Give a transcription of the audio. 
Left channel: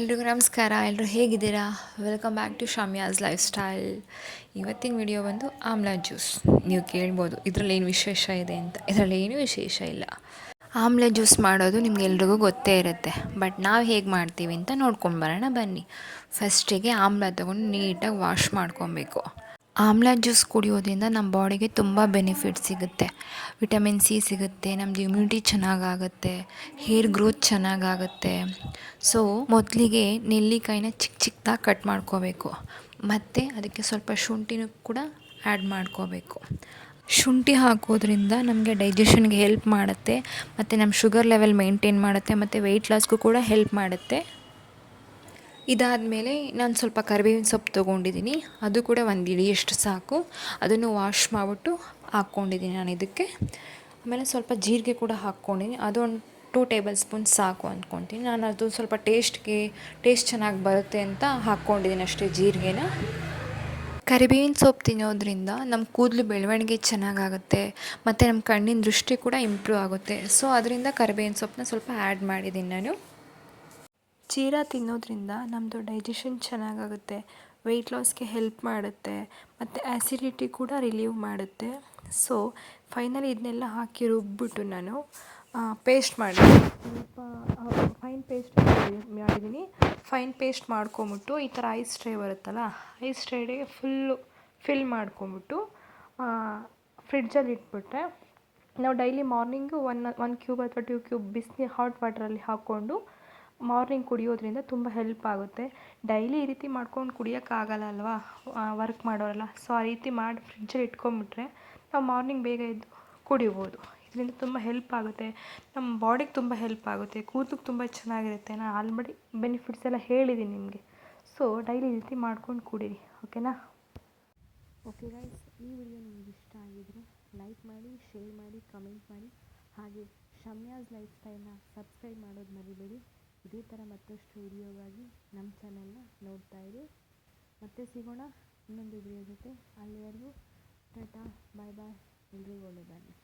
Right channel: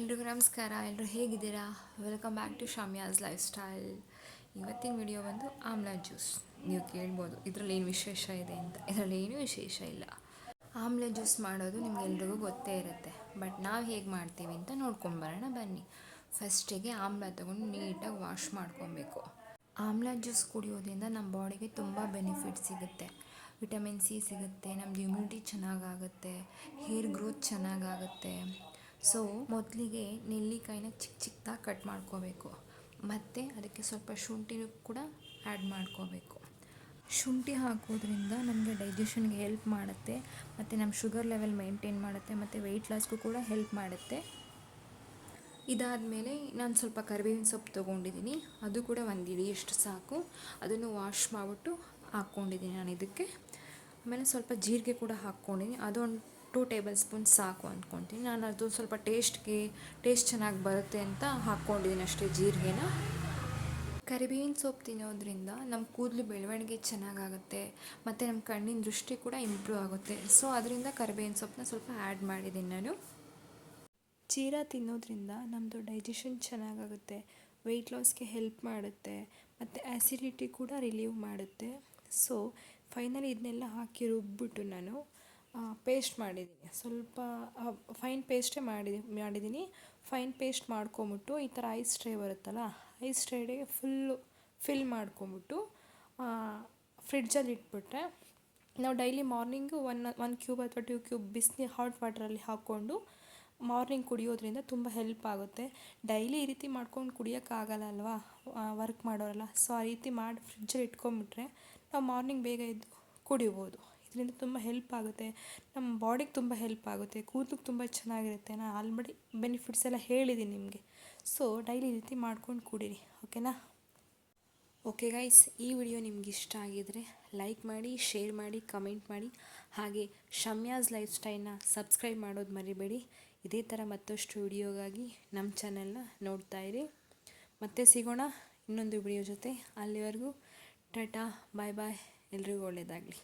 ಎಲ್ರಿಗೂ ನಮಸ್ಕಾರ. ಎಲ್ಲರೂ ಹೇಗಿದ್ದೀರಾ? Welcome back to Shamya's lifestyle. ಇವತ್ತಿನ ವಿಡಿಯೋ ಬಂದು ಆಮ್ಲಾ ಜ್ಯೂಸ್. ನೀವು ಕೇಳ್ಬೋದು ಇದರಲ್ಲಿ ಏನು ವಿಶೇಷ ಇದೆ ಅಂತ. ಇದರಲ್ಲಿ ಏನೂ ವಿಶೇಷ ಇಲ್ಲ. ಆಮ್ಲಾ ಜ್ಯೂಸ್ ಮಾಡೋದು ನಿಮ್ಗೆಲ್ರಿಗೂ ಗೊತ್ತೇ ಇರುತ್ತೆ. ಬಟ್ ನಾವು ಹೇಗೆ ಮಾಡ್ತೀವಿ ಅಂತ ನೋಡ್ಕೊಂಡು ಬರೋಣ ಬನ್ನಿ. ಫಸ್ಟಿಗೆ ಆಮ್ಲಾ ತೊಗೊಂಡು ನೀಟಾಗಿ ವಾಶ್ ಮಾಡ್ಕೊಬೇಕು. ಆಮ್ಲಾ ಜ್ಯೂಸ್ ಕುಡಿಯೋದ್ರಿಂದ ನಮ್ಮ ಬಾಡಿಗೆ ತುಂಬ ಬೆನಿಫಿಟ್ ಸಿಗುತ್ತೆ. ವಿಟಮಿನ್ ಸಿ ಸಿಗುತ್ತೆ, ನಮ್ಮದು ಇಮ್ಯುನಿಟಿ ಚೆನ್ನಾಗಾಗುತ್ತೆ, ಹೇರ್ ಗ್ರೋತ್ ಚೆನ್ನಾಗಾಗುತ್ತೆ. ಸೊ ಮೊದಲಿಗೆ ನೆಲ್ಲಿಕಾಯಿನ ಚಿಕ್ಕ ಚಿಕ್ಕದಾಗಿ ಕಟ್ ಮಾಡ್ಕೋಬೇಕು. ಮತ್ತು ಅದಕ್ಕೆ ಸ್ವಲ್ಪ ಶುಂಠಿನೂ ಕೂಡ ಆ್ಯಡ್ ಮಾಡ್ಕೋಬೇಕು. ಶುಂಠಿ ಹಾಕೋದ್ರಿಂದ ನಮಗೆ ಡೈಜೆಷನ್ಗೆ ಹೆಲ್ಪ್ ಮಾಡುತ್ತೆ, ಮತ್ತು ನಮ್ಮ ಶುಗರ್ ಲೆವೆಲ್ ಮೇಂಟೈನ್ ಮಾಡುತ್ತೆ, ಮತ್ತು ವೆಯ್ಟ್ ಲಾಸ್ಗೂ ಕೂಡ ಹೆಲ್ಪ್ ಮಾಡುತ್ತೆ. ಇದಾದಮೇಲೆ ನಾನು ಸ್ವಲ್ಪ ಕರಿಬೇವಿನ ಸೊಪ್ಪು ತೊಗೊಂಡಿದ್ದೀನಿ. ಅದು ಕೂಡ ಒಂದು ಇಡಿಯಷ್ಟು ಸಾಕು. ಅದನ್ನು ವಾಶ್ ಮಾಡಿಬಿಟ್ಟು ಹಾಕ್ಕೊಂಡಿದ್ದೀನಿ ನಾನು ಇದಕ್ಕೆ. ಆಮೇಲೆ ಸ್ವಲ್ಪ ಜೀರಿಗೆ ಕೂಡ ಹಾಕ್ಕೊಂಡಿದ್ದೀನಿ. ಅದು ಒಂದು 2 ಟೇಬಲ್ ಸ್ಪೂನ್ ಸಾಕು ಅಂದ್ಕೊತೀನಿ. ನಾನು ಅದು ಸ್ವಲ್ಪ ಟೇಸ್ಟ್ ಚೆನ್ನಾಗಿ ಬರುತ್ತೆ ಅಂತ ಹಾಕ್ಕೊಂಡಿದ್ದೀನಿ ಅಷ್ಟೇ ಜೀರಿಗೆನ. ಕರಿಬೇವಿನ ಸೊಪ್ಪು ತಿನ್ನೋದ್ರಿಂದ ನಮ್ಮ ಕೂದಲು ಬೆಳವಣಿಗೆ ಚೆನ್ನಾಗಾಗುತ್ತೆ, ಮತ್ತು ನಮ್ಮ ಕಣ್ಣಿನ ದೃಷ್ಟಿ ಕೂಡ ಇಂಪ್ರೂವ್ ಆಗುತ್ತೆ. ಸೊ ಅದರಿಂದ ಕರಿಬೇವಿನ ಸೊಪ್ಪನ್ನ ಸ್ವಲ್ಪ ಆ್ಯಡ್ ಮಾಡಿದ್ದೀನಿ ನಾನು. ಜೀರಾ ತಿನ್ನೋದ್ರಿಂದ ನಮ್ಮದು ಡೈಜೆಷನ್ ಚೆನ್ನಾಗಾಗುತ್ತೆ, ವೆಯ್ಟ್ ಲಾಸ್ಗೆ ಹೆಲ್ಪ್ ಮಾಡುತ್ತೆ, ಮತ್ತು ಆ್ಯಸಿಡಿಟಿ ಕೂಡ ರಿಲೀವ್ ಮಾಡುತ್ತೆ. ಸೊ ಫೈನಲಿ ಇದನ್ನೆಲ್ಲ ಹಾಕಿ ರುಬ್ಬಿಟ್ಟು ನಾನು ಪೇಸ್ಟ್ ಮಾಡಿದ್ದೀನಿ. ಸ್ವಲ್ಪ ಫೈನ್ ಪೇಸ್ಟ್ ಮಾಡಿದ್ದೀನಿ. ಫೈನ್ ಪೇಸ್ಟ್ ಮಾಡ್ಕೊಂಬಿಟ್ಟು ಈ ಥರ ಐಸ್ ಟ್ರೇ ಬರುತ್ತಲ್ಲ, ಐಸ್ ಟ್ರೇಗೆ ಫಿಲ್ ಮಾಡ್ಕೊಂಬಿಟ್ಟು ಫ್ರಿಡ್ಜಲ್ಲಿ ಇಟ್ಬಿಟ್ರೆ ನಾವು ಡೈಲಿ ಮಾರ್ನಿಂಗು ಒನ್ ಕ್ಯೂಬ್ ಅಥವಾ 2 ಕ್ಯೂಬ್ ಬಿಸಿನೀರು ಹಾಟ್ ವಾಟ್ರಲ್ಲಿ ಹಾಕ್ಕೊಂಡು ಮಾರ್ನಿಂಗ್ ಕುಡಿಯೋದ್ರಿಂದ ತುಂಬ ಹೆಲ್ಪ್ ಆಗುತ್ತೆ. ಡೈಲಿ ಈ ರೀತಿ ಮಾಡ್ಕೊಂಡು ಕುಡಿಯೋಕ್ಕಾಗಲ್ಲ ಅಲ್ವಾ, ವರ್ಕ್ ಮಾಡೋರಲ್ಲ. ಸೊ ಆ ರೀತಿ ಮಾಡಿ ಫ್ರಿಡ್ಜಲ್ಲಿ ಇಟ್ಕೊಂಬಿಟ್ರೆ ನಾವು ಮಾರ್ನಿಂಗ್ ಬೇಗ ಎದ್ದು ಕುಡಿಬೋದು. ಇದರಿಂದ ತುಂಬ ಹೆಲ್ಪ್ ಆಗುತ್ತೆ, ನಮ್ಮ ಬಾಡಿಗೆ ತುಂಬ ಹೆಲ್ಪ್ ಆಗುತ್ತೆ, ಕೂದಲಿಗೆ ತುಂಬ ಚೆನ್ನಾಗಿರುತ್ತೆ. ನಾನು ಆಲ್ರೆಡಿ ಬೆನಿಫಿಟ್ಸ್ ಎಲ್ಲ ಹೇಳಿದ್ದೀನಿ ನಿಮಗೆ. ಸೊ ಡೈಲಿ ಈ ರೀತಿ ಮಾಡ್ಕೊಂಡು ಕುಡೀರಿ, ಓಕೆನಾ? ಓಕೆ ಗೈಸ್, ಈ ವಿಡಿಯೋ ನಿಮ್ಗೆ ಇಷ್ಟ ಆಗಿದರೆ ಲೈಕ್ ಮಾಡಿ, ಶೇರ್ ಮಾಡಿ, ಕಮೆಂಟ್ ಮಾಡಿ. ಹಾಗೆ ಶಮ್ಯಾಸ್ ಲೈಫ್ ಸ್ಟೈಲ್ನ ಸಬ್ಸ್ಕ್ರೈಬ್ ಮಾಡೋದು ಮರಿಬೇಡಿ. ಇದೇ ಥರ ಮತ್ತಷ್ಟು ವಿಡಿಯೋಗಾಗಿ ನಮ್ಮ ಚಾನೆಲ್ನ ನೋಡ್ತಾ ಇರಿ. ಮತ್ತೆ ಸಿಗೋಣ ಇನ್ನೊಂದು ವಿಡಿಯೋ ಜೊತೆ. ಅಲ್ಲಿವರೆಗೂ ಟಾಟಾ, ಬಾಯ್ ಬಾಯ್. ಎಲ್ರಿಗೂ ಒಳ್ಳೆಯದಾಗಲಿ.